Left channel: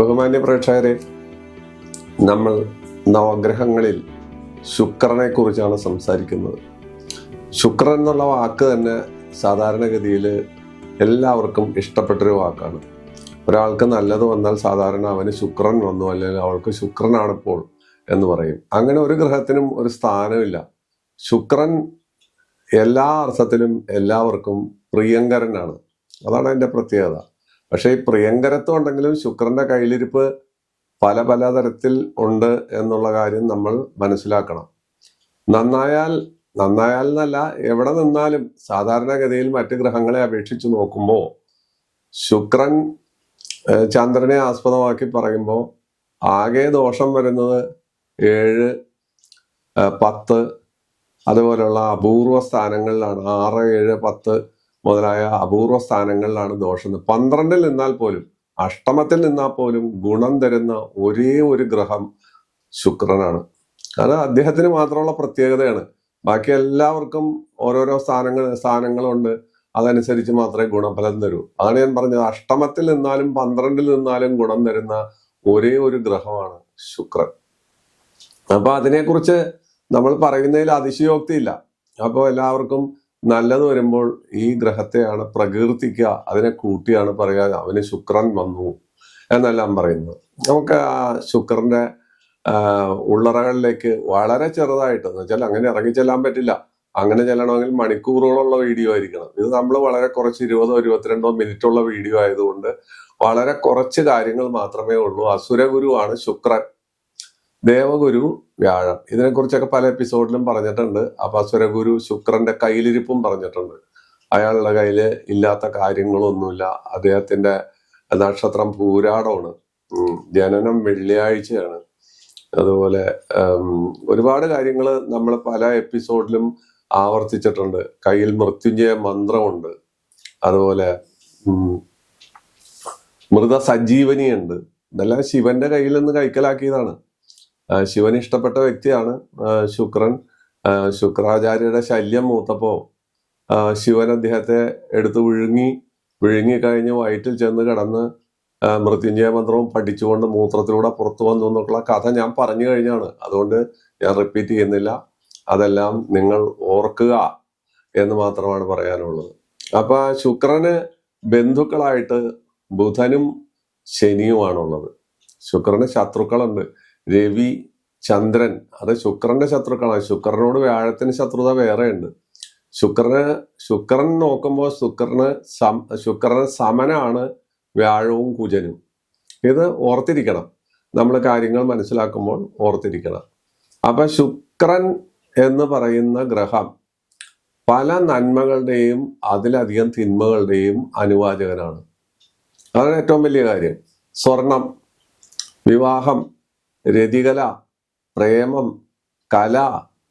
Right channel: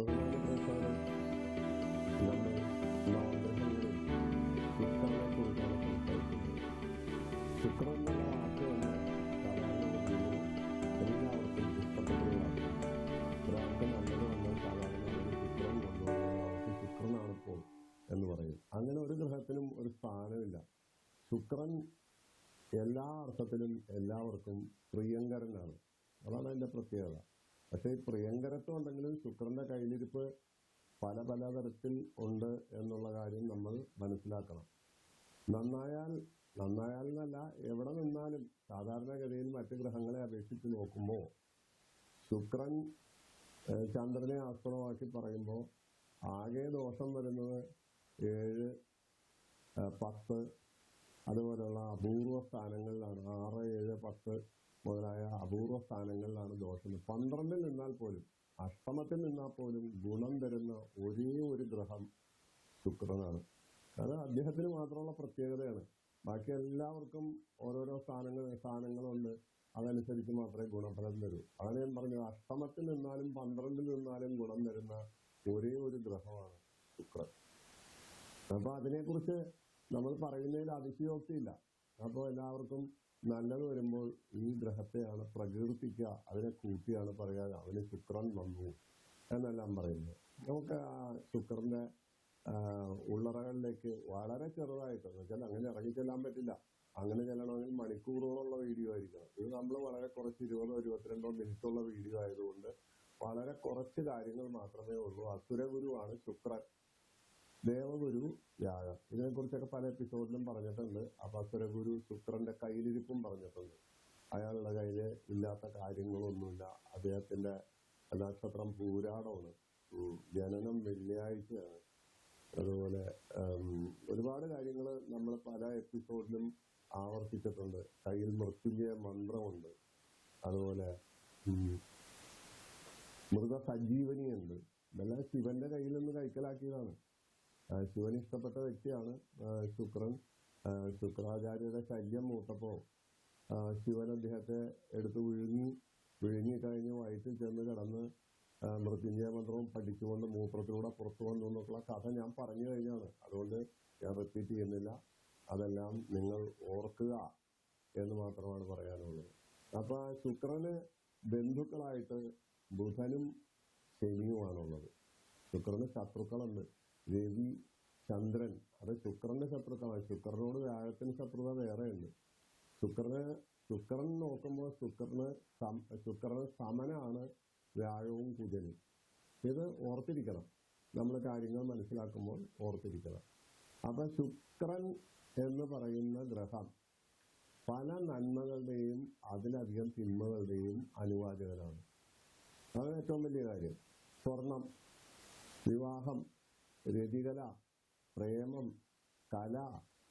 ബഹുമാന്യ പ്രേക്ഷകരെ, നമ്മൾ നവഗ്രഹങ്ങളിൽ ശുക്രനെ കുറിച്ചാണ് സംസാരിക്കുന്നത്. ശുക്രൻ എന്നുള്ള വാക്ക് തന്നെ സാധാരണഗതിയിൽ എല്ലാവർക്കും ഇഷ്ടപ്പെട്ടൊരു വാക്കാണ്. ഒരാൾക്ക് നല്ലത് വന്നാൽ സാധാരണ അവന് ശുക്രൻ വന്നു, അല്ലെങ്കിൽ അവൾക്ക് ശുക്രനാണിപ്പോൾ എന്ന് പറയും. അങ്ങനെ ഒരു ഗ്രഹത്തിനും ഒരു സ്ഥാനമില്ല. ശുക്രൻ എല്ലാ അർത്ഥത്തിലും എല്ലാവർക്കും പ്രിയങ്കരനാണ്. അതാണ് അതിൻ്റെ പ്രത്യേകത. പക്ഷേ ഈ പ്രിയങ്കരത്വം ഉണ്ടെങ്കിലും ശുക്രന്റെ കയ്യിലിരിപ്പ് പല പല തരത്തിൽ ഉണ്ട് എന്നുള്ള കാര്യം നമ്മൾ മനസ്സിലാക്കണം. നന്നായാൽ എന്നല്ല, എവിടെ നിന്നാലും സാധാരണഗതിയിൽ മറ്റ് ഗ്രഹങ്ങളെ അപേക്ഷിച്ച് നോക്കുമ്പോൾ ശുക്രൻ ചന്ദ്രനെ ആസ്പദമാക്കി പറയുമ്പോൾ ആകെ ദോഷം വരുന്നത് 7, 10 അതുപോലെയുള്ള അപൂർവ സ്ഥാനങ്ങളിലാണ്. 6, 7, 10 മുതലായ അപൂർവ സ്ഥാനങ്ങളിലാണ് ദോഷം. 12-ൽ നിന്നാൽ പോലും, അഷ്ടമത്തിൽ നിന്നാൽ പോലും ഗുണം തരുന്ന ഒരേ ഒരു ഗ്രഹം ശുക്രനാണ്. അത് അദ്ദേഹത്തിന് മാത്രമുള്ള പ്രത്യേകതയാണ്. ബാക്കി എല്ലാവർക്കും ഓരോരോ സ്ഥാനങ്ങളുണ്ട്. അതനുസരിച്ച് മാത്രമേ ഗുണഫലം തരൂ. അതാണ് ഞാൻ പറഞ്ഞത്. അഷ്ടമത്തിൽ നിന്നാലും 12-ൽ നിന്നാലും ഗുണം തരുന്ന ഒരേ ഒരു ഗ്രഹമാണ് ശുക്രൻ. അപ്പൊ അതിനെക്കുറിച്ച് നമ്മൾ പറയുന്നതിൽ അതിശയോക്തിയില്ല. അപ്പോൾ എല്ലാവർക്കും നല്ലത് വരുമ്പോൾ ഈ ഗ്രഹത്തെയാണ് പ്രകീർത്തിക്കുക, അതിനെ കൂട്ടിയാണ് പറയുക അവന് ശുക്രൻ വന്നു എന്നെല്ലാം പറയുന്നത്. നമുക്ക് ആ ശുക്രന്റെ ഉള്ളറകളിലേക്ക് വളരെ ചെറുതായിട്ട്, എന്ന് വെച്ചാൽ അങ്ങനെ ഇറങ്ങി ചെല്ലാൻ പറ്റില്ല. അങ്ങനെ ചെല്ലണമെങ്കിൽ മണിക്കൂറുകളുള്ള വീഡിയോ ആയിരിക്കണം. ഇത് നമ്മൾ വളരെ കുറച്ച് 20 22 മിനിറ്റുള്ള വീഡിയോ ആയതുകൊണ്ട് വളരെ കുറച്ച് കാര്യങ്ങൾ മാത്രമേ ഉള്ളൂ. അസുരഗുരുവാണ് ശുക്രൻ, ദേവഗുരു വ്യാഴം. ഇതിനെക്കുറിച്ചൊക്കെ പല എപ്പിസോഡിലും പറഞ്ഞിട്ടുണ്ട്. അപ്പൊ അസുരഗുരു ശുക്രന്റെ കയ്യിലിരിപ്പും പറഞ്ഞിട്ടുണ്ട്. അയാളുടെ കയ്യില് ഇല്ലാത്ത കാര്യങ്ങളൊന്നുമില്ല. അദ്ദേഹത്തിന്റെ നക്ഷത്രം പൂരാടമാണ്, ജനനം വെള്ളിയാഴ്ചയാണ്. അതുപോലെ ഒരുപാട് കാര്യങ്ങൾ നമ്മൾ പല എപ്പിസോഡിലും ആവർത്തിച്ചിട്ടുണ്ട്. കയ്യിൽ മൃത്യുഞ്ജയ മന്ത്രമുണ്ട്, അതുപോലെ മൃതസഞ്ജീവനിയുണ്ട്. ഇതെല്ലാം ശിവന്റെ കയ്യിൽ നിന്ന് കൈക്കലാക്കിയതാണ്. ശിവന് ഇഷ്ടപ്പെട്ട വ്യക്തിയാണ് ശുക്രൻ. ശുക്രാചാര്യയുടെ ശല്യം മൂത്തപ്പോ ശിവൻ അദ്ദേഹത്തെ എടുത്ത് വിഴുങ്ങി കഴിഞ്ഞ് വയറ്റിൽ ചെന്ന് കിടന്ന് മൃത്യുഞ്ജയ മന്ത്രവും പഠിച്ചുകൊണ്ട് മൂത്രത്തിലൂടെ പുറത്തു വന്നു എന്നുള്ള കഥ ഞാൻ പറഞ്ഞു കഴിഞ്ഞാണ്. അതുകൊണ്ട് ഞാൻ റിപ്പീറ്റ് ചെയ്യുന്നില്ല. അതെല്ലാം നിങ്ങൾ ഓർക്കുക എന്ന് മാത്രമാണ് പറയാനുള്ളത്. അപ്പൊ ശുക്രന് ബന്ധുക്കളായിട്ട് ബുധനും ശനിയുമാണുള്ളത്. ശുക്രന് ശത്രുക്കളുണ്ട്. രവി, ചന്ദ്രൻ, അത് ശുക്രന്റെ ശത്രുക്കളാണ്. ശുക്രനോട് വ്യാഴത്തിന് ശത്രുത വേറെ ഉണ്ട്. ശുക്രൻ നോക്കുമ്പോൾ ശുക്രന് സമനാണ് വ്യാഴവും കുജനും. ഇത് ഓർത്തിരിക്കണം. നമ്മൾ കാര്യങ്ങൾ മനസ്സിലാക്കുമ്പോൾ ഓർത്തിരിക്കണം. അപ്പൊ ശുക്രൻ എന്ന് പറയുന്ന ഗ്രഹം പല നന്മകളുടെയും അതിലധികം തിന്മകളുടെയും അനുവാചകനാണ്. അതാണ് ഏറ്റവും വലിയ കാര്യം. സ്വർണം, വിവാഹം, രതികല, പ്രേമം, കല,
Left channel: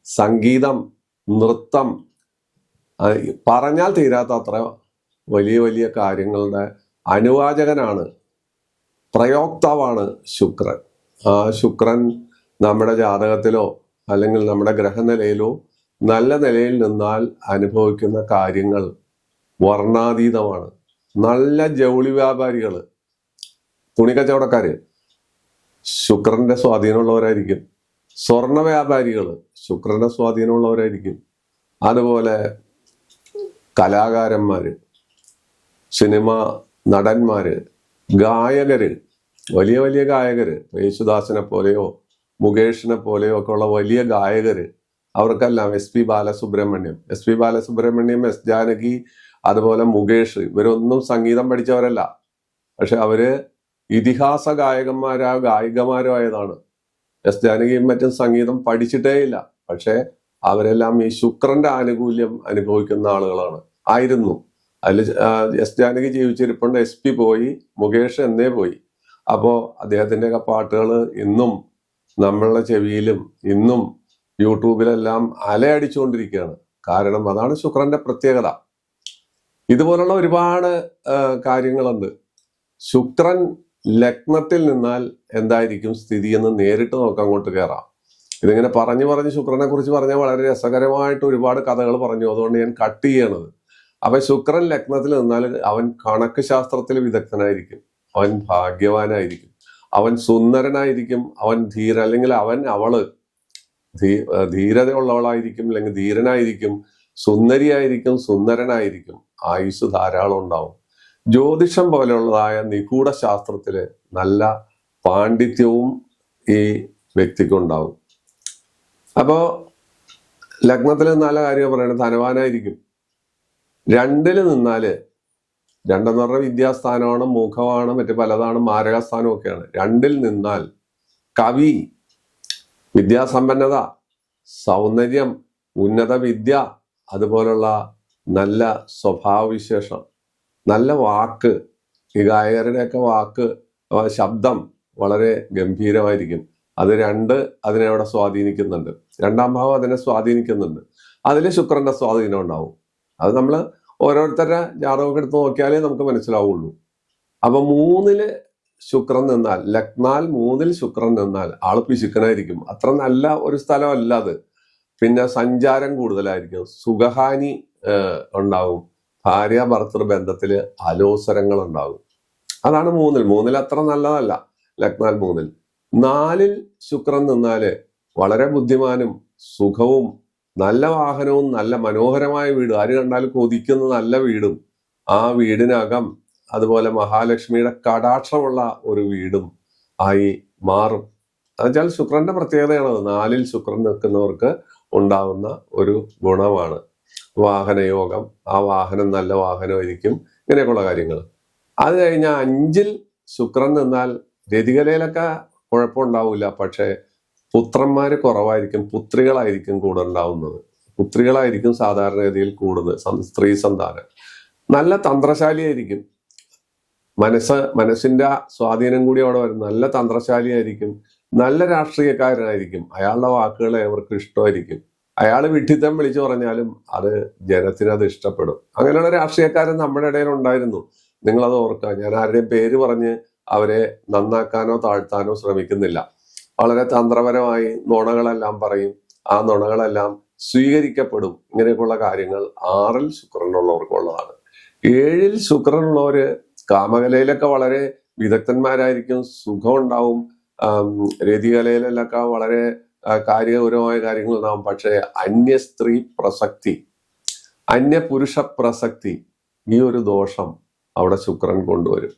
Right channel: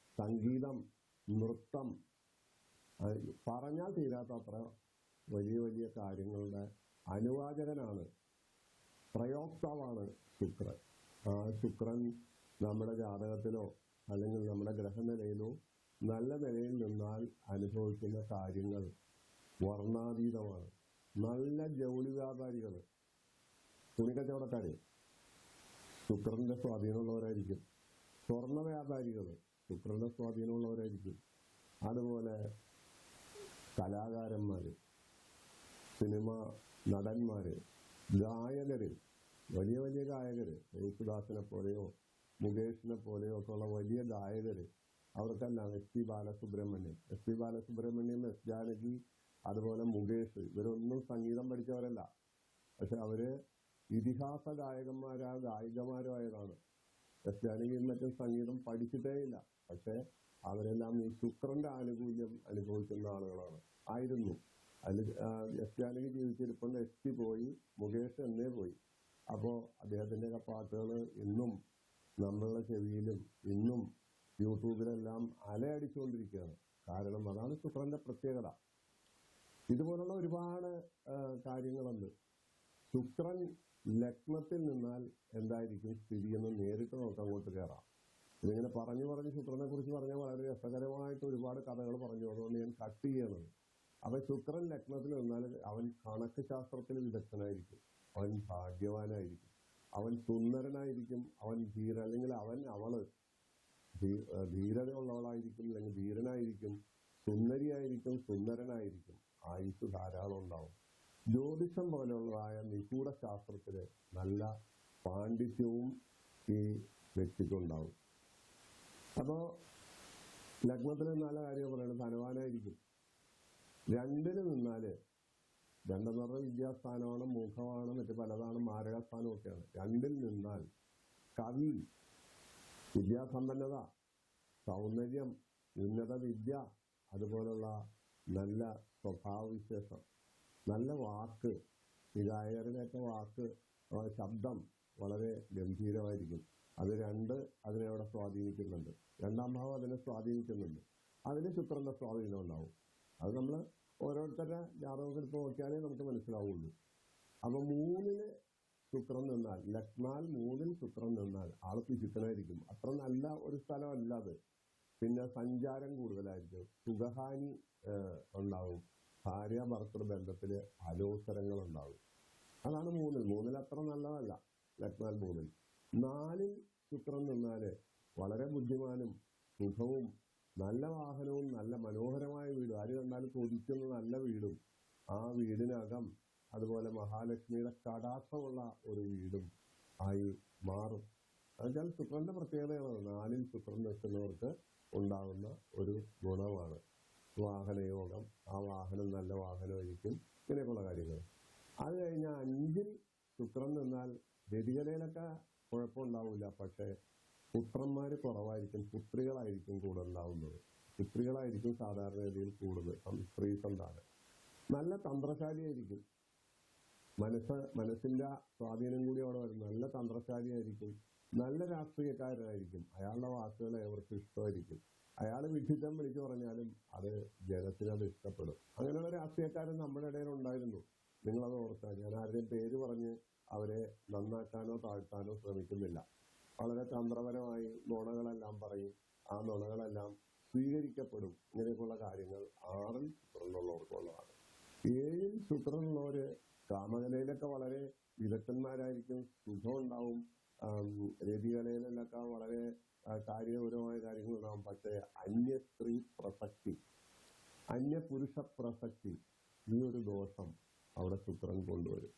സംഗീതം, നൃത്തം, പറഞ്ഞാൽ തീരാത്ത അത്ര വലിയ വലിയ കാര്യങ്ങളുടെ അനുവാചകനാണ്, പ്രയോക്താവാണ് ശുക്രൻ. ആ ശുക്രൻ നമ്മുടെ ജാതകത്തിലോ അല്ലെങ്കിൽ നമ്മുടെ ഗ്രഹനിലയിലോ നല്ല നിലയിൽ നിന്നാൽ അനുഭവിക്കുന്ന കാര്യങ്ങൾ വർണ്ണാതീതമാണ്. നല്ല ജൗളി വ്യാപാരികള്, തുണിക്കച്ചവടക്കാര് ശുക്രന്റെ സ്വാധീനമുള്ളവരായിരിക്കും. സ്വർണ വ്യാപാരികള് ശുക്രന്റെ സ്വാധീനമുള്ളവരായിരിക്കും. അതുപോലെ കലാകാരന്മാര്, സിനിമ നടന്മാര്, ഗായകര്, വലിയ വലിയ ഗായകര്, യേശുദാസിനെ പോലെയോ മുകേഷിനെ പോലെയോ ഒക്കെ ഉള്ള വലിയ ഗായകര്, അവർക്കെല്ലാം SP ബാലസുബ്രഹ്മണ്യം, എസ് ജാനകി, അതുപോലെ മുകേഷ്, ഇവരൊന്നും സംഗീതം പഠിച്ചവരല്ല. പക്ഷെ അവര് ഇതിഹാസ ഗായികമാരോ ആയതാണ്. എസ് ജാനകിയും മറ്റും സംഗീതം പഠിച്ചിട്ടേ ഇല്ല. പക്ഷെ അവരെല്ലാം ഈ ശുക്രന്റെ ആനുകൂല്യം അനുഭവിക്കുന്ന ആയിരുന്നു. അതിൽ എസ് ജാനകി ജീവിച്ചിരിപ്പുണ്ട്, SP പോയി, മുകേഷ് എന്നേ പോയി. അപ്പോ അദ്ദേഹത്തിൻ്റെയൊക്കെ പാട്ടുകൾ ഇന്നും നമ്മളുടെ ചെവിയിലും ഇന്നും യൂട്യൂബിലെല്ലാം അലയടിച്ചുകൊണ്ടിരിക്കുകയാണ്. കാരണം അതാണ് ശുക്രന്റെ പ്രത്യേകത. ഇതുപോലുള്ള ഒരുപാട് കാര്യങ്ങളുണ്ട്. ശുക്രൻ ലഗ്നത്തിൽ നിന്നാൽ എന്തായിരിക്കും സ്ഥിതി എന്ന് നേരിട്ട് നോക്കാൻ അങ്ങോട്ട് കയറാം. ഇതിങ്ങനെ പറഞ്ഞ് ശുക്രനെ കുറിച്ച് പറഞ്ഞാൽ വളരെ രസകരമായിട്ട് ഒരുപാട് കഥകൾ പറഞ്ഞു. അതുകൊണ്ട് ഞാൻ കട്ട് ചെയ്യണത്. അപ്പൊ ശുക്രൻ ലഗ്നത്തിൽ നിന്നാൽ അവൻ കണക്ക് ശാസ്ത്രത്തിൽ വിദഗ്ധനായിരിക്കും, അവൻ ഭാഗ്യവാനായിരിക്കും. അവൻ സുന്ദരനായിരിക്കും, അവൻ അല്ലെങ്കിൽ അവള് ധീരതയുള്ളവളായിരിക്കും, അല്ലെങ്കിൽ ധീരനായിരിക്കും, സുന്ദരിയായിരിക്കും, സുന്ദരനായിരിക്കും, ആയുസ് ധാരാളം ഉണ്ടാവും. ജ്യോതിഷം പോലെയുള്ളതായ നിഗൂഢ ശാസ്ത്രത്തില് നല്ല പാണ്ഡിത്യവും ഈ വ്യക്തിക്കുണ്ടാവും. അപ്പോ ലഗ്നത്തിൽ നല്ല കാര്യം പറയണത് ധനവാനായിരിക്കും. 2-ൽ നിന്നാല്, 2 എന്ന് പറഞ്ഞാൽ വിദ്യാസ്ഥാനമാണ്, മുഖമാണ്, മറ്റു പലതാണ്, മാരകസ്ഥാനം ഒക്കെയാണ്. 2-ൽ നിന്നാൽ കവി, വിദ്യാസമ്പന്നത, സൗന്ദര്യം, ഉന്നത വിദ്യ, അതുപോലുള്ള നല്ല സ്വഭാവവിശേഷം, നല്ല വാക്ക്, ഈ ഗായകരുടെയൊക്കെ വാക്ക്, ശബ്ദം വളരെ ഗംഭീരമായിരിക്കും. അത് 2 അതിനെ അവിടെ സ്വാധീനിക്കുന്നുണ്ട്. 2-ാം ഭാവം അതിനെ സ്വാധീനിക്കുന്നുണ്ട്. അതിൽ ശുക്രന്റെ സ്വാധീനം ഉണ്ടാവും. അത് നമ്മൾ ഓരോരുത്തരുടെ ജാതകമൊക്കെ എടുത്ത് നോക്കിയാലേ നമുക്ക് മനസ്സിലാവുള്ളൂ. അപ്പൊ 3-ൽ ശുക്രൻ നിന്നാൽ, ലഗ്നാൽ 3-ൽ ശുക്രൻ നിന്നാൽ ആള് പിശുക്കനായിരിക്കും. അത്ര നല്ല ഒരു സ്ഥലമല്ല അത്. പിന്നെ സഞ്ചാരം കൂടുതലായിരിക്കും, സുഖഹാനി ഉണ്ടാവും, ഭാര്യ ഭർത്തൃ ബന്ധത്തില് അലോസരങ്ങൾ ഉണ്ടാകും. അതാണ് 3-ൽ അത്ര നല്ലതല്ല ലഗ്നാൽ 3-ൽ. 4-ൽ ശുക്രൻ നിന്നാല് വളരെ ബുദ്ധിമാനും സുഖവും നല്ല വാഹനവും നല്ല മനോഹരമായ വീട്, ആര് കണ്ടാലും കൊതിക്കുന്ന നല്ല വീടും, ആ വീടിനകം അതുപോലെ മഹാലക്ഷ്മിയുടെ കടാക്ഷമുള്ള ഒരു വീടും ആയി മാറും. എന്നുവെച്ചാൽ ശുക്രന്റെ പ്രത്യേകതയാണത്. 4-ൽ ശുക്രൻ നിൽക്കുന്നവർക്ക് ഉണ്ടാകുന്ന ഒരു ഗുണമാണ് വാഹനയോഗം. ആ വാഹനം നല്ല വാഹനമായിരിക്കും, ഇങ്ങനെയൊക്കെയുള്ള കാര്യങ്ങൾ. അത് കഴിഞ്ഞാൽ 5-ൽ ശുക്രൻ നിന്നാൽ രതികലയിലൊക്കെ കുഴപ്പമുണ്ടാവില്ല, പക്ഷെ പുത്രന്മാര് കുറവായിരിക്കും, പുത്രികളായിരിക്കും കൂടെ ഉണ്ടാവുന്നത്. പുത്രികളായിരിക്കും സാധാരണഗതിയിൽ കൂടുതൽ, സ്ത്രീ സന്താനം. നല്ല തന്ത്രശാലിയായിരിക്കും, മനസ്സിന്റെ സ്വാധീനം കൂടി അവിടെ വരും. നല്ല തന്ത്രശാലിയായിരിക്കും, നല്ല രാഷ്ട്രീയക്കാരനായിരിക്കും, അയാളുടെ വാക്കുകൾ അവർക്ക് ഇഷ്ടമായിരിക്കും. അയാൾ വിഡ്ഢിത്തം വിളിച്ചു പറഞ്ഞാലും അത് ജനത്തിന് അത് ഇഷ്ടപ്പെടും. അങ്ങനെയുള്ള രാഷ്ട്രീയക്കാരൻ നമ്മുടെ ഇടയിൽ ഉണ്ടായിരുന്നു. നിങ്ങളത് ഓർക്കുക. ഞാൻ ആരുടെയും പേര് പറഞ്ഞ് അവരെ നന്നാക്കാനോ താഴ്ത്താനോ ശ്രമിക്കുന്നില്ല. വളരെ തന്ത്രപരമായി നുണകളെല്ലാം പറയും, ആ നുണകളെല്ലാം സ്വീകരിക്കപ്പെടും. ഇങ്ങനെയൊക്കെയുള്ള കാര്യങ്ങൾ 6-ൽ ശുക്രനുള്ളവർക്കുള്ളതാണ്. 7-ൽ ശുക്രനുള്ളവര് കാമകലയിലൊക്കെ വളരെ വിദഗ്ധന്മാരായിരിക്കും, സുഖം ഉണ്ടാവും, രതികലയിലൊക്കെ വളരെ കാര്യഗൗരവമായ കാര്യങ്ങൾ ഉണ്ടാവും. പക്ഷേ അന്യ സ്ത്രീ പ്രസക്തി, അന്യ പുരുഷ പ്രസക്തി, ഈ ഒരു ദോഷം അവിടെ ശുക്രൻ കൊണ്ടുവരും.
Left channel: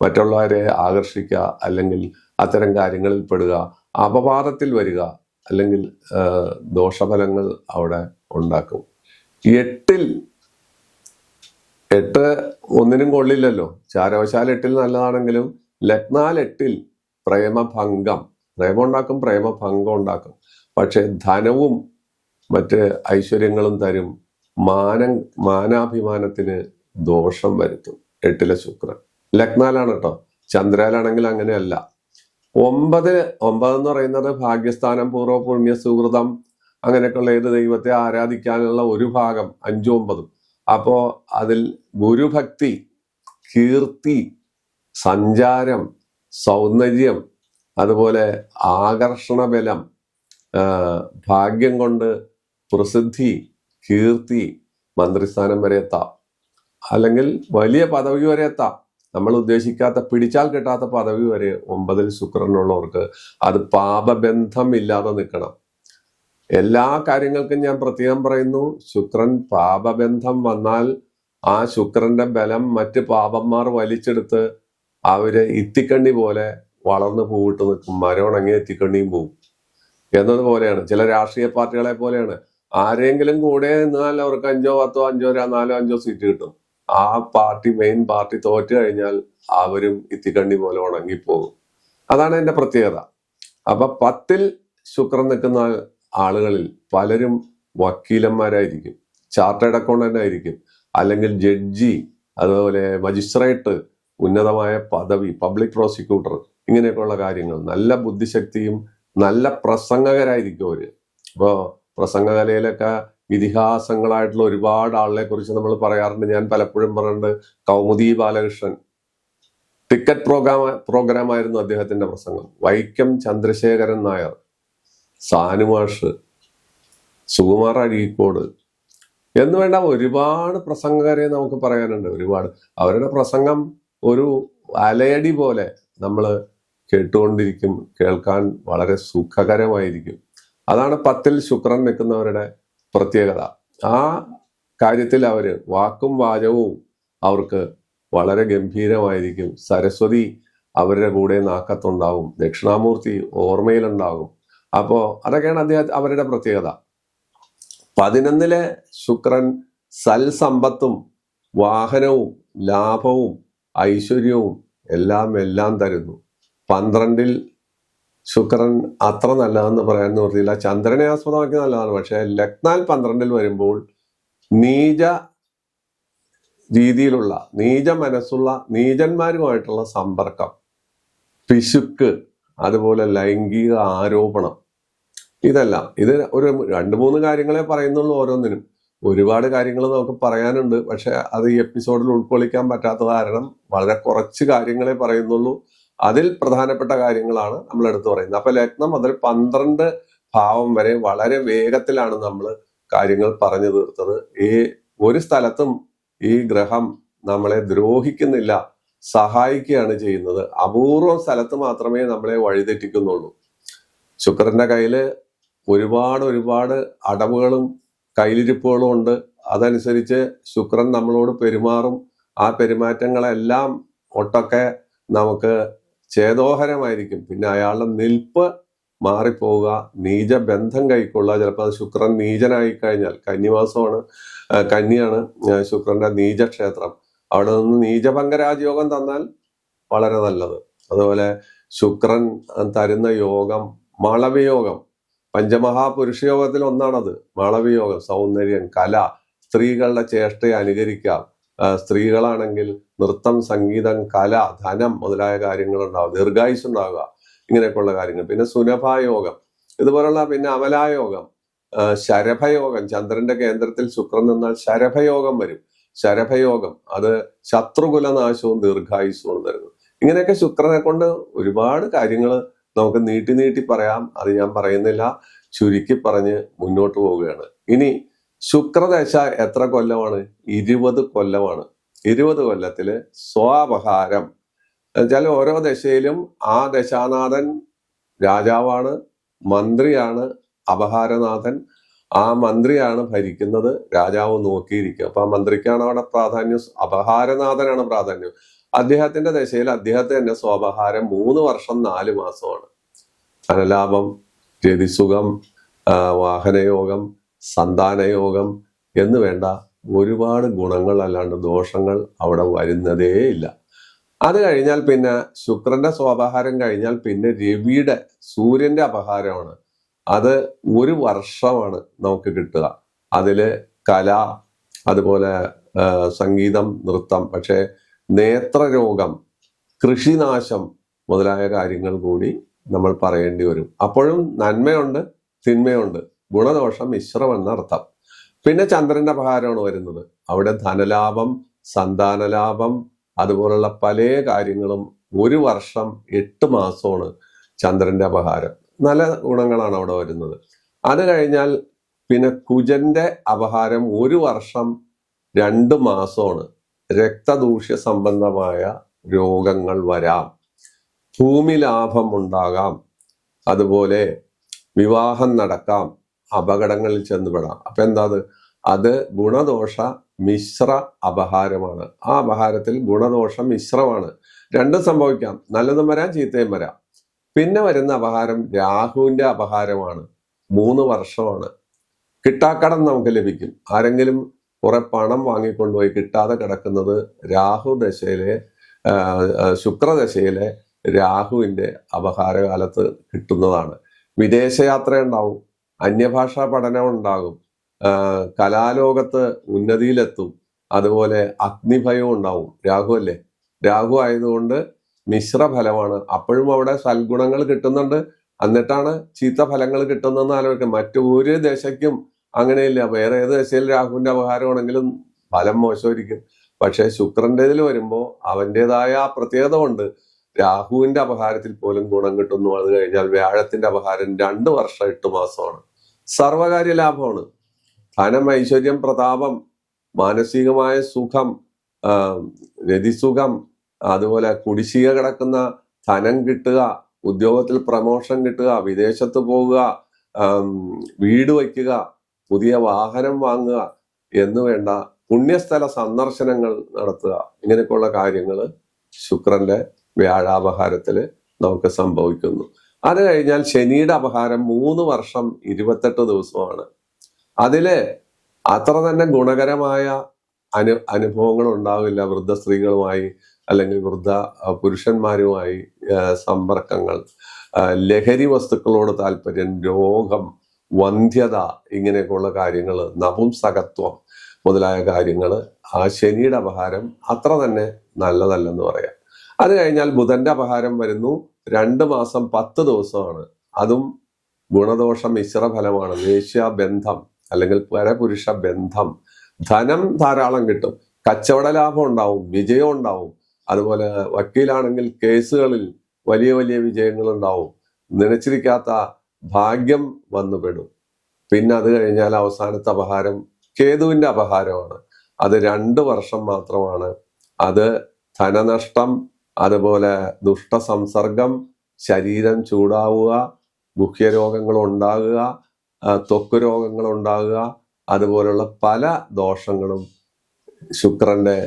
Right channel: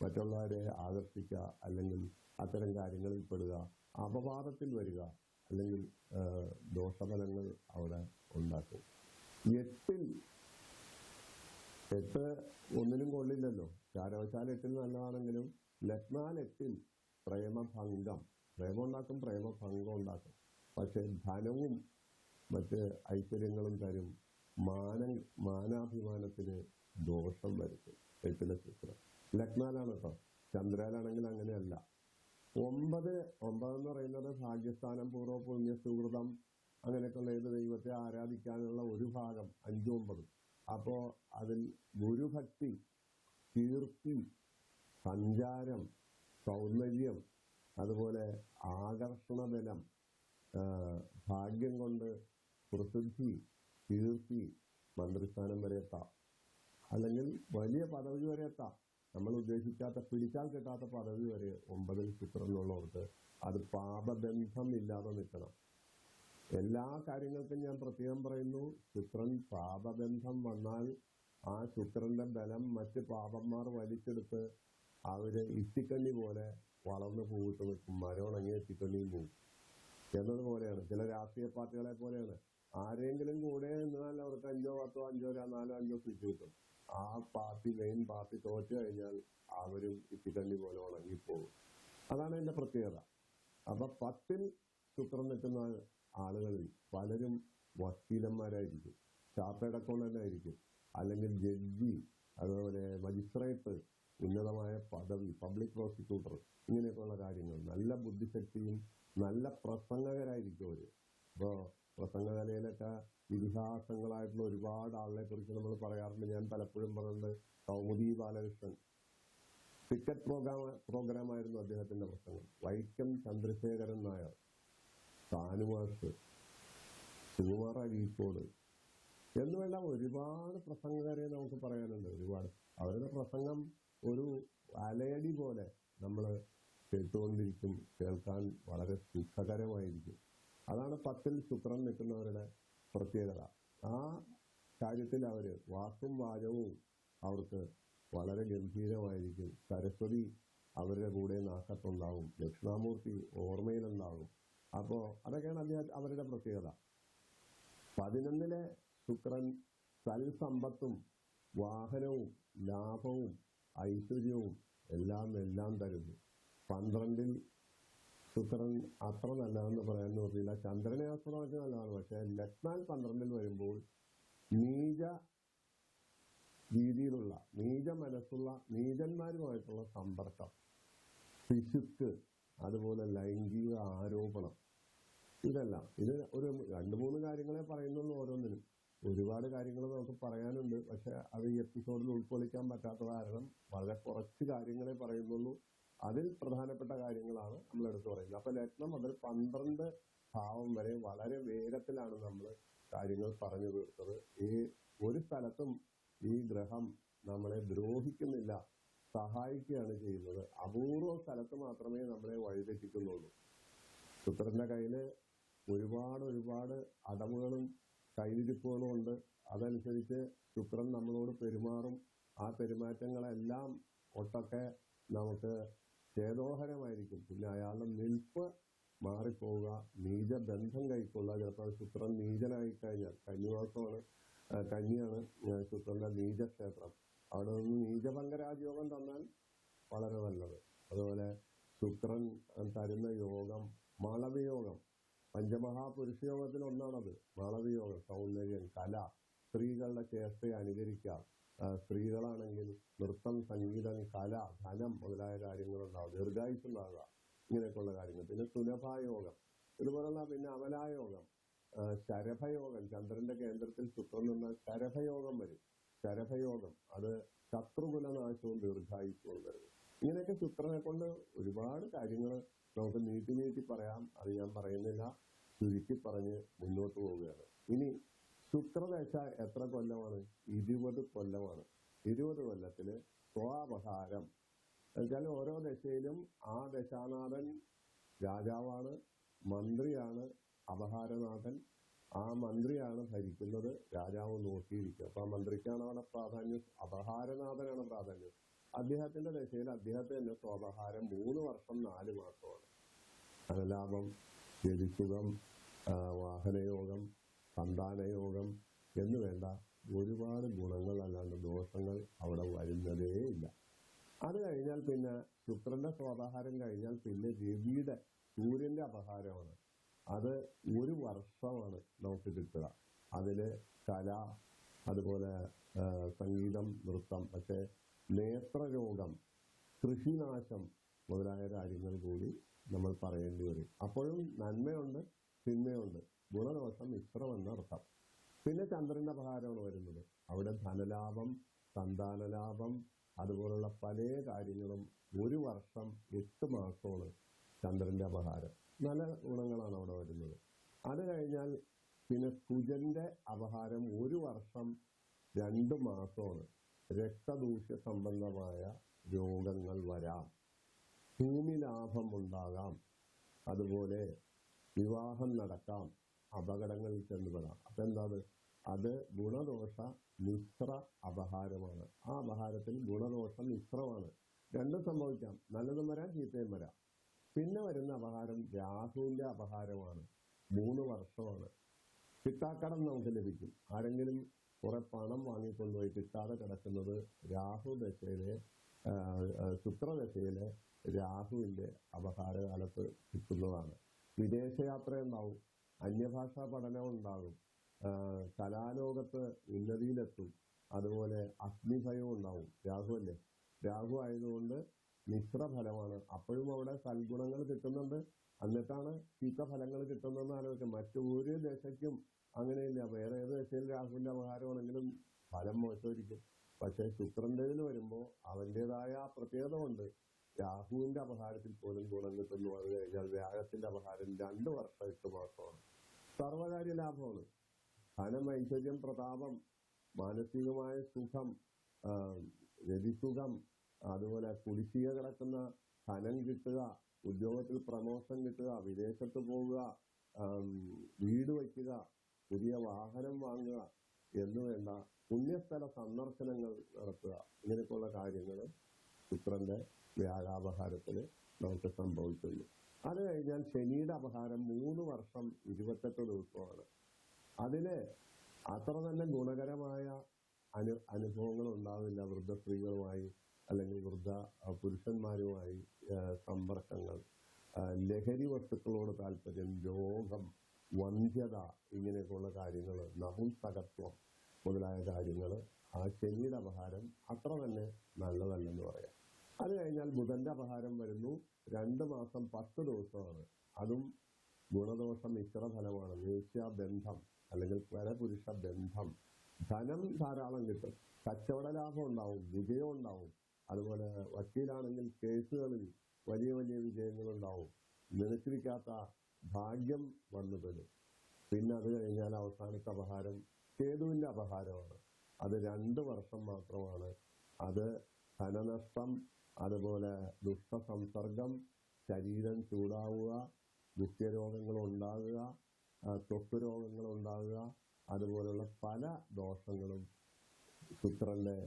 മറ്റുള്ളവരെ ആകർഷിക്കുക, അല്ലെങ്കിൽ അത്തരം കാര്യങ്ങളിൽ പെടുക, അപവാദത്തിൽ വരിക, അല്ലെങ്കിൽ ദോഷഫലങ്ങൾ അവിടെ ഉണ്ടാക്കും. 8-ൽ 8 ഒന്നിനും കൊള്ളില്ലല്ലോ. ചാരവശാൽ 8-ൽ നല്ലതാണെങ്കിലും ലഗ്നാൽ 8-ൽ പ്രേമഭംഗം, പ്രേമം ഉണ്ടാക്കും, പ്രേമഭംഗം ഉണ്ടാക്കും. പക്ഷെ ധനവും മറ്റ് ഐശ്വര്യങ്ങളും തരും, മാനാഭിമാനത്തിന് ദോഷം വരുത്തും 8-ലെ ശുക്രൻ. ലഗ്നാലാണ് കേട്ടോ. ചന്ദ്രയിലാണെങ്കിൽ അങ്ങനെയല്ല. 9 എന്ന് പറയുന്നത് ഭാഗ്യസ്ഥാനം, പൂർവ്വ പുണ്യ സുഹൃതം, അങ്ങനെയൊക്കെയുള്ള ഏത് ദൈവത്തെ ആരാധിക്കാനുള്ള ഒരു ഭാഗം, 5ഉം 9ഉം. അപ്പോ അതിൽ ഗുരുഭക്തി, കീർത്തി, സഞ്ചാരം, സൗന്ദര്യം, അതുപോലെ ആകർഷണ ബലം, ഭാഗ്യം കൊണ്ട് പ്രസിദ്ധി, കീർത്തി, മന്ത്രിസ്ഥാനം വരെ എത്താം, അല്ലെങ്കിൽ വലിയ പദവി വരെ എത്താം. നമ്മൾ ഉദ്ദേശിക്കാത്ത, പിടിച്ചാൽ കിട്ടാത്ത പദവി വരെ 9-ൽ ശുക്രനുള്ളവർക്ക്. അത് പാപബന്ധം ഇല്ലാതെ നിൽക്കണം. എല്ലാ കാര്യങ്ങൾക്കും ഞാൻ പ്രത്യേകം പറയുന്നു, ശുക്രൻ പാപബന്ധം വന്നാൽ ആ ശുക്രന്റെ ബലം മറ്റ് പാപന്മാർ വലിച്ചെടുത്ത് അവര് ഇത്തിക്കണ്ണി പോലെ വളർന്ന് പൂവിട്ട് നിൽക്കും. മരം ഉണങ്ങിയ ഇത്തിക്കണ്ണിയും പോവും എന്നതുപോലെയാണ്. ചില രാഷ്ട്രീയ പാർട്ടികളെ പോലെയാണ്. ആരെങ്കിലും കൂടെ നിന്നാൽ അവർക്ക് 5, 10, 4, 5 സീറ്റ് കിട്ടും. ആ പാർട്ടി, മെയിൻ പാർട്ടി തോറ്റു കഴിഞ്ഞാൽ അവരും ഇത്തിക്കണ്ണി പോലെ ഉണങ്ങിപ്പോകും. അതാണ് എന്റെ പ്രത്യേകത. അപ്പൊ 10-ൽ ശുക്രൻ നിൽക്കുന്ന ആളുകളിൽ പലരും വക്കീലന്മാരായിരിക്കും, ചാർട്ടേഡ് അക്കൗണ്ടന്റ് ആയിരിക്കും, അല്ലെങ്കിൽ ജഡ്ജി, അതുപോലെ മജിസ്ട്രേറ്റ്, ഉന്നതമായ പദവി, പബ്ലിക് പ്രോസിക്യൂട്ടർ, ഇങ്ങനെയൊക്കെയുള്ള കാര്യങ്ങൾ. നല്ല ബുദ്ധിശക്തിയും നല്ല പ്രസംഗകരായിരിക്കും അവര്. ഇപ്പോ പ്രസംഗകലയിലൊക്കെ ഇതിഹാസങ്ങളായിട്ടുള്ള ഒരുപാട് ആളുകളെ കുറിച്ച് നമ്മൾ പറയാറുണ്ട്. ഞാൻ പലപ്പോഴും പറഞ്ഞിട്ടുണ്ട്, കൗമുദി ബാലകൃഷ്ണൻ, ടിക്കറ്റ് പ്രോഗ്രാം ആയിരുന്നു അദ്ദേഹത്തിന്റെ പ്രസംഗം. വൈക്കം ചന്ദ്രശേഖരൻ നായർ, സാനുമാഷ്, സുകുമാർ അഴീക്കോട് എന്ന് വേണ്ട ഒരുപാട് പ്രസംഗകരെ നമുക്ക് പറയാനുണ്ട്. ഒരുപാട്. അവരുടെ പ്രസംഗം ഒരു അലയടി പോലെ നമ്മൾ കേട്ടുകൊണ്ടിരിക്കും, കേൾക്കാൻ വളരെ സുഖകരമായിരിക്കും. അതാണ് 10-ൽ ശുക്രൻ നിൽക്കുന്നവരുടെ പ്രത്യേകത. ആ കാര്യത്തിൽ അവര് വാക്കും വാചകവും അവർക്ക് വളരെ ഗംഭീരമായിരിക്കും. സരസ്വതി അവരുടെ കൂടെ നാക്കത്തുണ്ടാവും, ദക്ഷിണാമൂർത്തി ഓർമ്മയിലുണ്ടാകും. അപ്പോ അതൊക്കെയാണ് അവരുടെ പ്രത്യേകത. 11-ലെ ശുക്രൻ സൽസമ്പത്തും വാഹനവും ലാഭവും ഐശ്വര്യവും എല്ലാം തരുന്നു. 12-ൽ ശുക്രൻ അത്ര നല്ലതെന്ന് പറയാൻ നിവൃത്തിയില്ല. ചന്ദ്രനെ ആസ്പദമാക്കി നല്ലതാണ്. പക്ഷെ ലഗ്നാൽ 12-ൽ വരുമ്പോൾ നീച രീതിയിലുള്ള, നീച മനസ്സുള്ള, നീചന്മാരുമായിട്ടുള്ള സമ്പർക്കം, പിശുക്ക്, അതുപോലെ ലൈംഗിക ആരോപണം, ഇതെല്ലാം. ഇത് ഒരു 2-3 കാര്യങ്ങളെ പറയുന്നുള്ളൂ ഓരോന്നിനും. ഒരുപാട് കാര്യങ്ങൾ നമുക്ക് പറയാനുണ്ട്. പക്ഷെ അത് ഈ എപ്പിസോഡിൽ ഉൾക്കൊള്ളിക്കാൻ പറ്റാത്ത കാരണം വളരെ കുറച്ച് കാര്യങ്ങളെ പറയുന്നുള്ളൂ. അതിൽ പ്രധാനപ്പെട്ട കാര്യങ്ങളാണ് നമ്മൾ എടുത്തു പറയുന്നത്. അപ്പൊ ലഗ്നം മുതൽ 12 ഭാവം വരെ വളരെ വേഗത്തിലാണ് നമ്മൾ കാര്യങ്ങൾ പറഞ്ഞു തീർത്തത്. ഈ ഒരു സ്ഥലത്തും ഈ ഗ്രഹം നമ്മളെ ദ്രോഹിക്കുന്നില്ല, സഹായിക്കുകയാണ് ചെയ്യുന്നത്. അപൂർവം സ്ഥലത്ത് മാത്രമേ നമ്മളെ വഴിതെറ്റിക്കുന്നുള്ളൂ. ശുക്രന്റെ കയ്യില് ഒരുപാട് അടവുകളും കയ്യിലിരിപ്പുകളും ഉണ്ട്. അതനുസരിച്ച് ശുക്രൻ നമ്മളോട് പെരുമാറും. ആ പെരുമാറ്റങ്ങളെല്ലാം ഒട്ടൊക്കെ നമുക്ക് ഛേദോഹരമായിരിക്കും. പിന്നെ അയാളുടെ നിൽപ്പ് മാറിപ്പോവുക, നീചബന്ധം കൈക്കൊള്ളുക. ചിലപ്പോൾ അത് ശുക്രൻ നീചനായി കഴിഞ്ഞാൽ, കന്നിമാസമാണ്, കന്നിയാണ് ശുക്രന്റെ നീചക്ഷേത്രം, അവിടെ നിന്ന് നീചഭംഗരാജയോഗം തന്നാൽ വളരെ നല്ലത്. അതുപോലെ ശുക്രൻ തരുന്ന യോഗം മാളവ്യയോഗം, പഞ്ചമഹാപുരുഷയോഗത്തിൽ ഒന്നാണത്. മാളവ്യയോഗം, സൗന്ദര്യം, കല, സ്ത്രീകളുടെ ചേഷ്ടയെ അനുകരിക്കാം. സ്ത്രീകളാണെങ്കിൽ നൃത്തം, സംഗീതം, കല, ധനം മുതലായ കാര്യങ്ങൾ ഉണ്ടാവും, ദീർഘായുസ് ഉണ്ടാവുക, ഇങ്ങനെയൊക്കെയുള്ള കാര്യങ്ങൾ. പിന്നെ സുനഭായോഗം, ഇതുപോലുള്ള, പിന്നെ അമലായോഗം, ശരഭയോഗം, ചന്ദ്രന്റെ കേന്ദ്രത്തിൽ ശുക്രൻ നിന്നാൽ ശരഭയോഗം വരും. ശരഭയോഗം അത് ശത്രുകുലനാശവും ദീർഘായുസ്സവും തരുന്നു. ഇങ്ങനെയൊക്കെ ശുക്രനെ കൊണ്ട് ഒരുപാട് കാര്യങ്ങൾ നമുക്ക് നീട്ടി പറയാം. അത് ഞാൻ പറയുന്നില്ല, ചുരുക്കി പറഞ്ഞ് മുന്നോട്ട് പോവുകയാണ്. ഇനി ശുക്രദശ എത്ര കൊല്ലമാണ്? 20 കൊല്ലമാണ്. 20 കൊല്ലത്തില് സ്വാപഹാരം എന്നുവെച്ചാൽ ഓരോ ദശയിലും ആ ദശാനാഥൻ രാജാവാണ്, മന്ത്രിയാണ്, അപഹാരനാഥൻ. ആ മന്ത്രിയാണ് ഭരിക്കുന്നത്, രാജാവ് നോക്കിയിരിക്കുക. അപ്പൊ ആ മന്ത്രിക്കാണ് അവിടെ പ്രാധാന്യം, അപഹാരനാഥനാണ് പ്രാധാന്യം. അദ്ദേഹത്തിന്റെ ദശയിൽ അദ്ദേഹത്തെ തന്നെ സ്വാപഹാരം 3 വർഷം 4 മാസമാണ്. ധനലാഭം, രതിസുഖം, വാഹനയോഗം, സന്താനയോഗം എന്ന് വേണ്ട ഒരുപാട് ഗുണങ്ങൾ അല്ലാണ്ട് ദോഷങ്ങൾ അവിടെ വരുന്നതേ ഇല്ല. അത് കഴിഞ്ഞാൽ പിന്നെ ശുക്രന്റെ സ്വാപഹാരം കഴിഞ്ഞാൽ പിന്നെ രവിയുടെ, സൂര്യന്റെ അപഹാരമാണ്. അത് 1 വർഷമാണ് നമുക്ക് കിട്ടുക. അതില് കല, അതുപോലെ സംഗീതം, നൃത്തം. പക്ഷെ നേത്രരോഗം, കൃഷിനാശം മുതലായ കാര്യങ്ങൾ കൂടി നമ്മൾ പറയേണ്ടി വരും. അപ്പോഴും നന്മയുണ്ട്, തിന്മയുണ്ട്, ഗുണദോഷം മിശ്രം എന്നർത്ഥം. പിന്നെ ചന്ദ്രന്റെ അപഹാരമാണ് വരുന്നത്. അവിടെ ധനലാഭം, സന്താനലാഭം, അതുപോലുള്ള പല കാര്യങ്ങളും 1 വർഷം 8 മാസമാണ് ചന്ദ്രന്റെ അപഹാരം. നല്ല ഗുണങ്ങളാണ് അവിടെ വരുന്നത്. അത് കഴിഞ്ഞാൽ പിന്നെ കുജന്റെ അപഹാരം 1 വർഷം 2 മാസമാണ്. രക്തദൂഷ്യ സംബന്ധമായ രോഗങ്ങൾ വരാം, ഭൂമി ലാഭം ഉണ്ടാകാം, അതുപോലെ വിവാഹം നടക്കാം, അപകടങ്ങളിൽ ചെന്നുപെടാം. അപ്പൊ എന്താ അത് ഗുണദോഷ മിശ്ര അപഹാരമാണ്. ആ അപഹാരത്തിൽ ഗുണദോഷം മിശ്രമാണ്. രണ്ടും സംഭവിക്കാം, നല്ലതും വരാം, ചീത്തയും വരാം. പിന്നെ വരുന്ന അപഹാരം രാഹുവിന്റെ അപഹാരമാണ്. 3 വർഷമാണ്. കിട്ടാക്കടം നമുക്ക് ലഭിക്കും. ആരെങ്കിലും കുറെ പണം വാങ്ങിക്കൊണ്ടുപോയി കിട്ടാതെ കിടക്കുന്നത് രാഹു ദശയിലെ, ശുക്രദശയിലെ രാഹുവിന്റെ അപഹാരകാലത്ത് കിട്ടുന്നതാണ്. വിദേശയാത്ര ഉണ്ടാവും, അന്യഭാഷാ പഠനം ഉണ്ടാകും, കലാലോകത്ത് ഉന്നതിയിലെത്തും, അതുപോലെ അഗ്നിഭയം ഉണ്ടാവും. രാഹു അല്ലേ, രാഹു ആയതുകൊണ്ട് മിശ്രഫലമാണ്. അപ്പോഴും അവിടെ സൽഗുണങ്ങൾ കിട്ടുന്നുണ്ട്, എന്നിട്ടാണ് ചീത്ത ഫലങ്ങൾ കിട്ടുന്നതെന്ന് ആലോചിക്കാം. മറ്റൊരു ദശയ്ക്കും അങ്ങനെയില്ല. വേറെ ഏത് ദശയിൽ രാഹുവിന്റെ അപഹാരമാണെങ്കിലും ഫലം മോശമായിരിക്കും. പക്ഷെ ശുക്രൻ്റെതിൽ വരുമ്പോൾ അവൻ്റെതായ ആ പ്രത്യേകത കൊണ്ട് രാഹുവിന്റെ അപഹാരത്തിൽ പോലും ഗുണം കിട്ടുന്നു. അത് കഴിഞ്ഞാൽ വ്യാഴത്തിന്റെ അപഹാരം 2 വർഷം 8 മാസമാണ്. സർവകാര്യ ലാഭമാണ്. ധനം, ഐശ്വര്യം, പ്രതാപം, മാനസികമായ സുഖം, രതിസുഖം, അതുപോലെ കുടിശ്ശിക കിടക്കുന്ന ധനം കിട്ടുക, ഉദ്യോഗത്തിൽ പ്രമോഷൻ കിട്ടുക, വിദേശത്ത് പോകുക, വീട് വയ്ക്കുക, പുതിയ വാഹനം വാങ്ങുക എന്ന് വേണ്ട പുണ്യസ്ഥല സന്ദർശനങ്ങൾ നടത്തുക, ഇങ്ങനെയൊക്കെയുള്ള കാര്യങ്ങൾ ശുക്രന്റെ വ്യാഴാപഹാരത്തില് നമുക്ക് സംഭവിക്കുന്നു. അത് കഴിഞ്ഞാൽ ശനിയുടെ അപഹാരം 3 വർഷം 28 ദിവസമാണ്. അതില് അത്ര തന്നെ ഗുണകരമായ അനുഭവങ്ങൾ ഉണ്ടാവില്ല. വൃദ്ധ സ്ത്രീകളുമായി അല്ലെങ്കിൽ വൃദ്ധ പുരുഷന്മാരുമായി സമ്പർക്കങ്ങൾ, ലഹരി വസ്തുക്കളോട് താല്പര്യം, രോഗം, വന്ധ്യത, ഇങ്ങനെയൊക്കെയുള്ള കാര്യങ്ങൾ, നപുംസകത്വം മുതലായ കാര്യങ്ങൾ ആ ശനിയുടെ അപഹാരം അത്ര തന്നെ നല്ലതല്ലെന്ന് പറയാം. അത് കഴിഞ്ഞാൽ ബുധന്റെ അപഹാരം വരുന്നു. 2 മാസം 10 ദിവസമാണ്. അതും ഗുണദോഷ മിശ്ര ഫലമാണ്. വേശ്യാബന്ധം അല്ലെങ്കിൽ പരപുരുഷ ബന്ധം, ധനം ധാരാളം കിട്ടും, കച്ചവട ലാഭം ഉണ്ടാവും, വിജയം ഉണ്ടാവും. അതുപോലെ വക്കീലാണെങ്കിൽ കേസുകളിൽ വലിയ വലിയ വിജയങ്ങൾ ഉണ്ടാവും, നനച്ചിരിക്കാത്ത ഭാഗ്യം വന്നുപെടും. പിന്നെ അത് കഴിഞ്ഞാൽ അവസാനത്തെ അപഹാരം കേതുവിന്റെ അപഹാരമാണ്. അത് 2 വർഷം മാത്രമാണ്. അത് ധനനഷ്ടം, അതുപോലെ ദുഷ്ടസംസർഗം, ശരീരം ചൂടാവുക, ഗുഹ്യരോഗങ്ങൾ ഉണ്ടാകുക, ത്വക്ക് രോഗങ്ങൾ ഉണ്ടാകുക, അതുപോലുള്ള പല ദോഷങ്ങളും ശുക്രന്റെ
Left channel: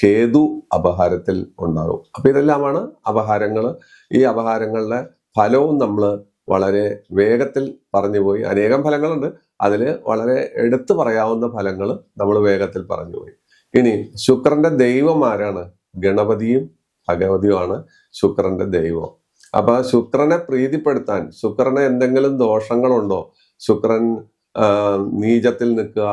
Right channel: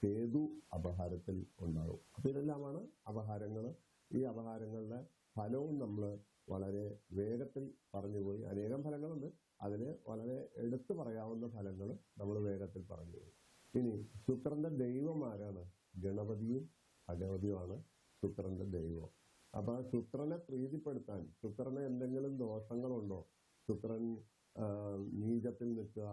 കേതു അപഹാരത്തിൽ ഉണ്ടാകും. അപ്പൊ ഇതെല്ലാമാണ് അപഹാരങ്ങൾ. ഈ അപഹാരങ്ങളുടെ ഫലവും നമ്മൾ വളരെ വേഗത്തിൽ പറഞ്ഞുപോയി. അനേകം ഫലങ്ങളുണ്ട്, അതിൽ വളരെ എടുത്തു പറയാവുന്ന ഫലങ്ങൾ നമ്മൾ വേഗത്തിൽ പറഞ്ഞുപോയി. ഇനി ശുക്രന്റെ ദൈവം ആരാണ്? ഗണപതിയും ഭഗവതിയുമാണ് ശുക്രന്റെ ദൈവം. അപ്പൊ ശുക്രനെ പ്രീതിപ്പെടുത്താൻ, ശുക്രന് എന്തെങ്കിലും ദോഷങ്ങളുണ്ടോ, ശുക്രൻ നീചത്തിൽ നിൽക്കുക,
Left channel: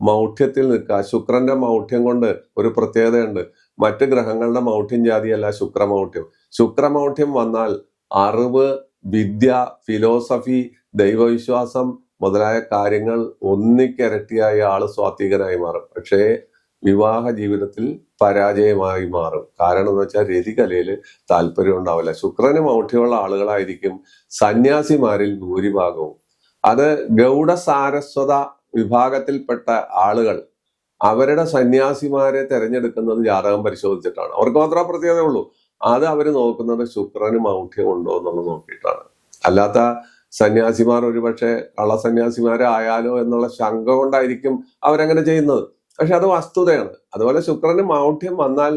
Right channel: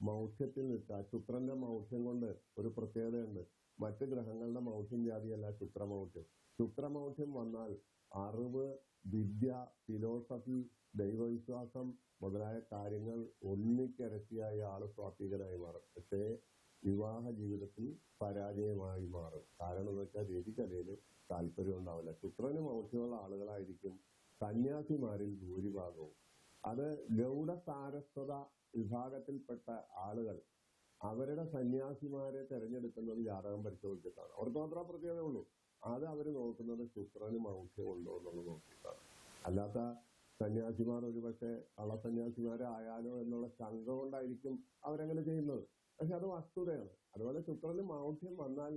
മൗഢ്യത്തിൽ നിൽക്കുക. ശുക്രന്റെ മൗഢ്യം കൊണ്ട് ഒരു പ്രത്യേകതയുണ്ട്. മറ്റ് ഗ്രഹങ്ങളുടെ മൗഢ്യം ജാതിയല്ല ശുക്രമൗഢ്യം. ശുക്രമൗഢ്യം വന്നാൽ അറിവ്, വിദ്യ, ഫിലോസഫി, ദൈവവിശ്വാസം മുതലായ കാര്യങ്ങൾ ഒന്നിക്കിരട്ടിയായി ആള് സ്വാത്വികനായി മാറും. പക്ഷേ വിവാഹ ജീവിതത്തിൽ പരാജയമായി മാറും. കാരണം എന്ന് വെച്ചാൽ രതികലയിൽ താല്പര്യം ഉണ്ടാവില്ല. ശുക്രന് മൗഢ്യമുള്ള ആളുകളായിരിക്കും സന്യാസിമാരിൽ ഭൂരിഭാഗവും. അത് ഗൗഡ സാരസ്വത വിഭാഗത്തിൽപ്പെട്ട ആളുകൾ അവരുടെ സന്യാസിമാരെ തെരഞ്ഞെടുക്കുന്നത് ജാതകം പരിശോധിച്ചിട്ടാണ്. അവർക്ക് മാത്രമേ പ്രത്യേകതയുള്ളൂ. അത് അവർ നോക്കുന്നത് ശുക്രന് മൗഢ്യം ഉണ്ടോ എന്നുള്ളത് നോക്കിയിട്ടാണ്. അല്ലാത്ത സന്യാസിമാർ ഒരുപക്ഷെ കള്ളസന്യാസിമാരായാലോ എന്നുള്ള ശങ്ക കൊണ്ടായിരിക്കും അവരങ്ങനെ ചെയ്യുന്നത്. പക്ഷെ അത് വസ്തുതയാണ്. അതുപോലെ ശുക്രന് മൗഢ്യം വന്നാൽ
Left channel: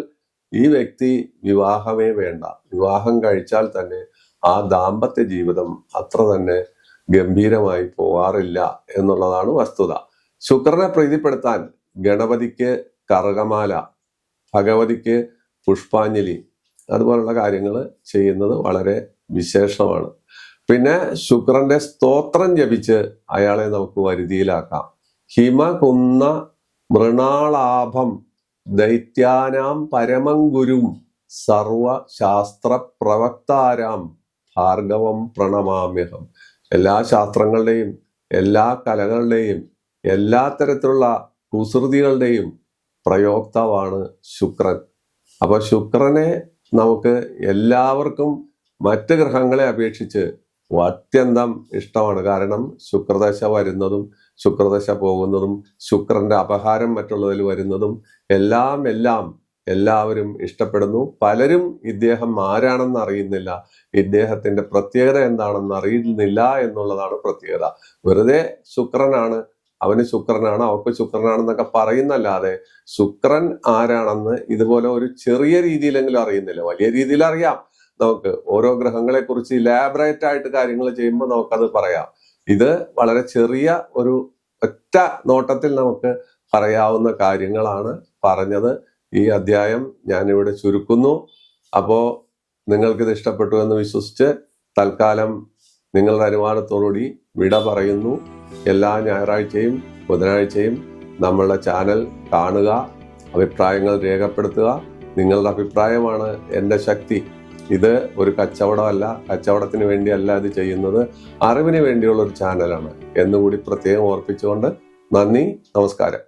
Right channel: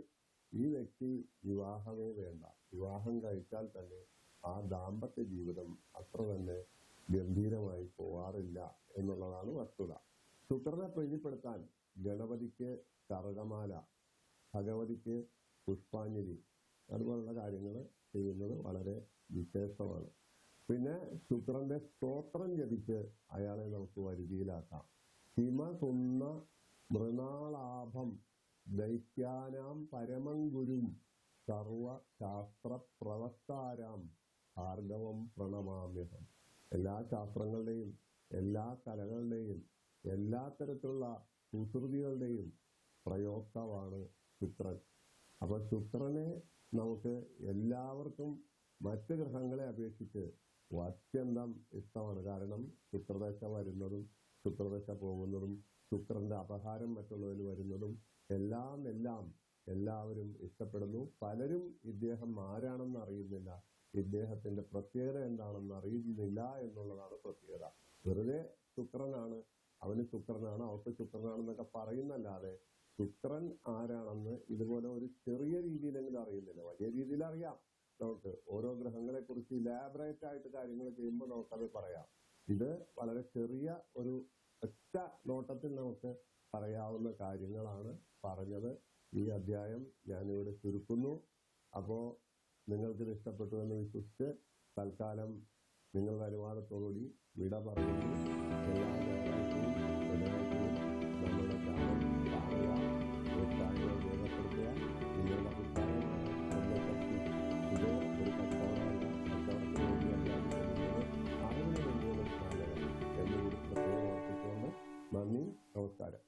ഈ വ്യക്തി വിവാഹമേ വേണ്ട. വിവാഹം കഴിച്ചാൽ തന്നെ ആ ദാമ്പത്യ ജീവിതം അത്ര തന്നെ ഗംഭീരമായി പോവാറില്ല എന്നുള്ളതാണ് വസ്തുത. ശുക്രനെ പ്രീതിപ്പെടുത്താൻ ഗണപതിക്ക് കറുകമാല, ഭഗവതിക്ക് പുഷ്പാഞ്ജലി, അതുപോലുള്ള കാര്യങ്ങൾ ചെയ്യുന്നത് വളരെ വിശേഷമാണ്. പിന്നെ ശുക്രന്റെ സ്തോത്രം ജപിച്ച് അയാളെ നമുക്ക് വരുതിയിലാക്കാം. ഹിമകുന്ന മൃണാളാഭം ദൈത്യാനാം പരമം ഗുരും സർവശാസ്ത്ര പ്രവക്താരാം ഭാർഗവം പ്രണമാമ്യഹം. എല്ലാ ശാസ്ത്രങ്ങളുടെയും എല്ലാ കലകളുടെയും എല്ലാ തരത്തിലുള്ള കുസൃതികളുടെയും പ്രയോക്താവാണ് ശുക്രൻ. അപ്പൊ ശുക്രനെ നമുക്ക് എല്ലാവർക്കും മറ്റ് ഗ്രഹങ്ങളെ അപേക്ഷിച്ച് അത്യന്തം ഇഷ്ടമാണ്. കാരണം ശുക്രദശ വരുന്നതും ശുക്രദശ പോകുന്നതും ശുക്രന്റെ അപഹാരം മറ്റുള്ളതിൽ വരുന്നതും എല്ലാം എല്ലാവരും ഇഷ്ടപ്പെടുന്നു. പലരും ഇദ്ദേഹം ആരാണെന്ന് അറിയുന്നില്ല, ഇദ്ദേഹത്തിന്റെ പ്രത്യേകത എന്താണെന്ന് അറിയുന്നില്ല എന്നുള്ളതാണ് പ്രത്യേകത. വെറുതെ ശുക്രനാണ്, അവന് ശുക്രനാണ്, അവർക്ക് ശുക്രനാണെന്നൊക്കെ പറയുന്നല്ലാതെ ശുക്രൻ ആരാണെന്ന് ഇതുപോലെ ഒരു ചെറിയ രീതിയിലെങ്കിലും അറിയുന്നില്ല. വലിയ രീതിയിൽ അറിയാം നമുക്ക്. ഓരോ ഗ്രഹങ്ങളെ കുറിച്ച് ഇലാബറേറ്റ് ആയിട്ട് കാര്യങ്ങൾ ചെയ്യുമ്പോൾ നമുക്കത് പറയാം. ഇത് വളരെ ചെറിയ ഒരു ഒറ്റ നോട്ടത്തിൽ നമുക്ക് പറയാവുന്ന കാര്യങ്ങളാണ് പറഞ്ഞത്. ഈ അധ്യായം ഞാനിവിടെ ചുരുക്കുന്നു. അപ്പോ നിങ്ങൾക്കിത് ഇഷ്ടപ്പെട്ടു എന്ന് വിശ്വസിച്ച് തൽക്കാലം നിങ്ങളുടെ അനുവാദത്തോടുകൂടി വിട പറയുന്നു. എല്ലാ ഞായറാഴ്ചയും ബുധനാഴ്ചയും നമ്മളുടെ ചാനൽ കാണുക, അഭിപ്രായങ്ങൾ രേഖപ്പെടുത്തുക. നിങ്ങളുടെ അഭിപ്രായമാണ് എൻ്റെ ശക്തി. ഇത് ഒരു കച്ചവടമല്ല, കച്ചവടത്തിന് വേണ്ടിയല്ല ഇത് ചെയ്യുന്നത്, അറിവിന് വേണ്ടിയുള്ള ഒരു ചാനലാണ് എന്നുകൂടി പ്രത്യേകം ഓർപ്പിച്ചുകൊണ്ട് നന്ദി, നമസ്കാരം.